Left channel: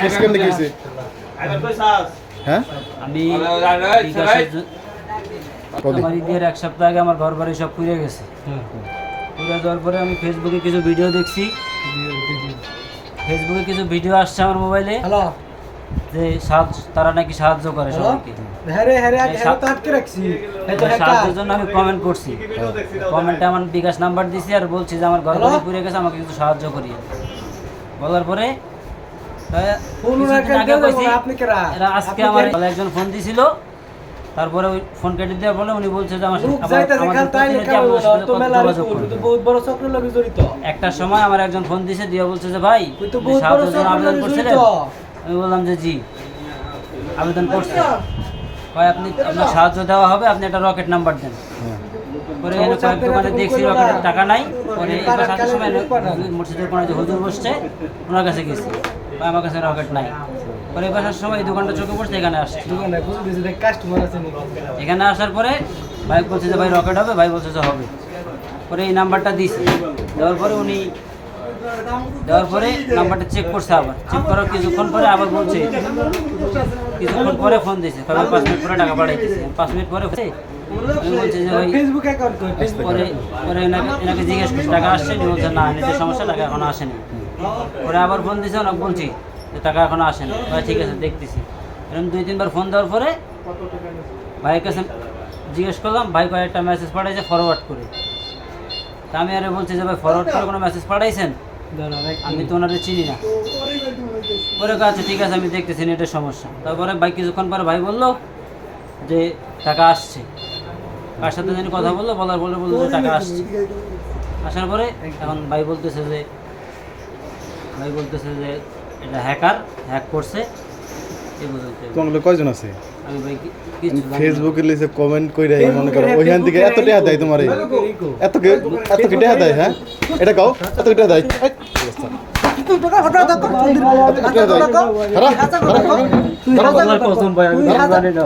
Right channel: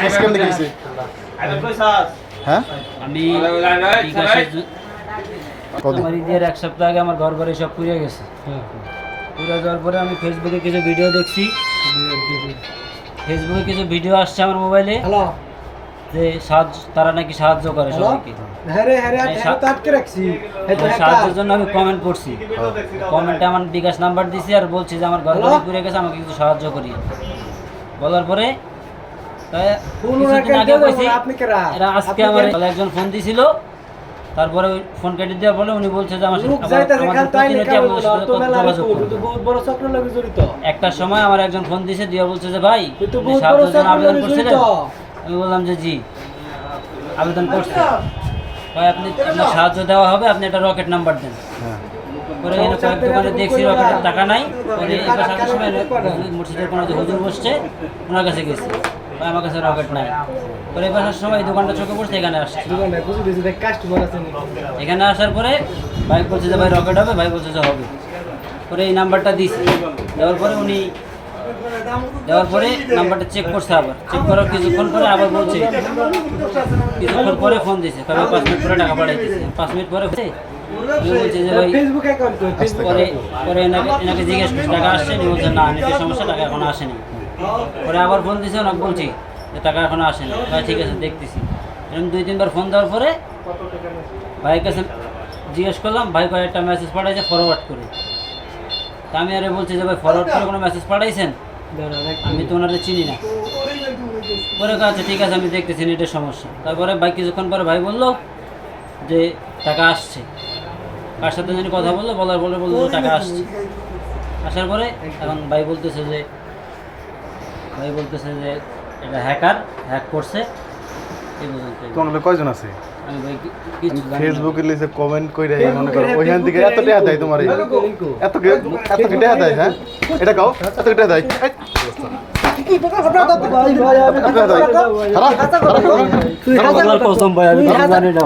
Case কেমনে গেছে হ্যাঁ আমি আমার ঈদের এক সপ্তাহ আগে আমার ঘর বাড়ি সব পুড়ে গেছে। পুড়ে যাওয়ার পরে আমি ফেসবুকে কিছু ভিডিও দেখছি, ফেসবুকে কিছু ভিডিও আসছে আমার মোবাইলে যে তারা নাকি সাহায্য করে সবাইকে। সাহায্যের জন্য আমি কমেন্ট করছি, কমেন্টে আমার বিকাশ নাম্বার দিছি আর বলছি যে আমার ঘর বাড়ি পুড়ে গেছে, আমাকে কিছু সাহায্য করি। বলার পরে কিছুদিন আগে বলছি, এরা আজকে আমার একজন ফোন দিছিল, তারপরে ওই ফোন কেটে দেওয়া বলে উনি বলছে যে আমাদের প্রতিনিধি আপনাদের সাথে যোগাযোগ করবে। একটার সময় আমার একজন ফোন দিয়েছে, দিয়ে বলছে যে ভাই সাহায্যের জন্য আবেদন করছিলেন? আমি বললাম যে জি আবেদন করছি। ভাই আপনি আপনার সাহায্য দেওয়া হবে, আপনি একটা রকেট নাম্বার দেন। পরে এখানে কয়েক দোকানে দেখছি রকেটের টাকা নাই। পরে এটা সাথে সময় মসজিদের কোনো যে হুজুর বসছে ওনার কাছে গেছি, ভাই আমার কাছে রকেট নাই। পরে এবার সময় এই দোকানটা চোখে পড়ছে, এখানে আসছে। এখানে আসার পরে ভাই বলছে যে ভাই রকেট হবে, ভাই বলছে যে হবে। পরে এই নাম্বারটা দিয়েছি, দেওয়ার পরে উনি দেওয়ার পরে নাম্বারটা চেক করছে, আবার চেক করার কিছুক্ষণ পরে আবার বলছে, কিছুক্ষণ পরে ফোন দিয়েছে, কারণ 5 মিনিট পরে টাকা পাঠাইতেছে। 5 মিনিট পরে বলছে যে ভাই পরে পরে এনাকে জিজ্ঞেস করছে টাকা আসছে, বলছে না নেটের সমস্যা, টাকা এখনো আসেনি। পরে আবার ফোন দিয়েছে, ওনাকে বলছি যে টাকা এখনো আসেনি। ভাই ঠিক আছে দেখতেছি। এরকম 2-3 বার ফোন দেওয়ার পরে ভাইয়ের কাছে জিজ্ঞেস করলাম, ভাই কয়েকটা মেসেজ পাঠাইছে ফরওয়ার্ড করে। তা আমি আরে বলছি যে ভাই ফরওয়ার্ড করে কোনো মেসেজ পাঠাইছেন? আমি তো ওনাদের চিনি না। পরে আচ্ছা ঠিক আছে আমি দেখতেছি নেটের সমস্যা। তারপরে ভাই কিছুক্ষণ পরে ভাই বললো যে টাকা আসছে। কার সাথে জানি কথা বললো, বললো যে টাকা আসছে। আসার পরে এখন ভাই বলতেছে যে এটা হ্যাক করছে। তোমাদের কয়জন আছে? আমি ভাই কিছু ফেসবুকে লিখে কমেন্ট কইরা মনে করো ওইখান থেকে এত টাকা দেয় তোমার, এত কি টাকা দেয়? হ্যাঁ এটা কাও এত কি টাকা দেয়? কসম ভাই আমি জানি না।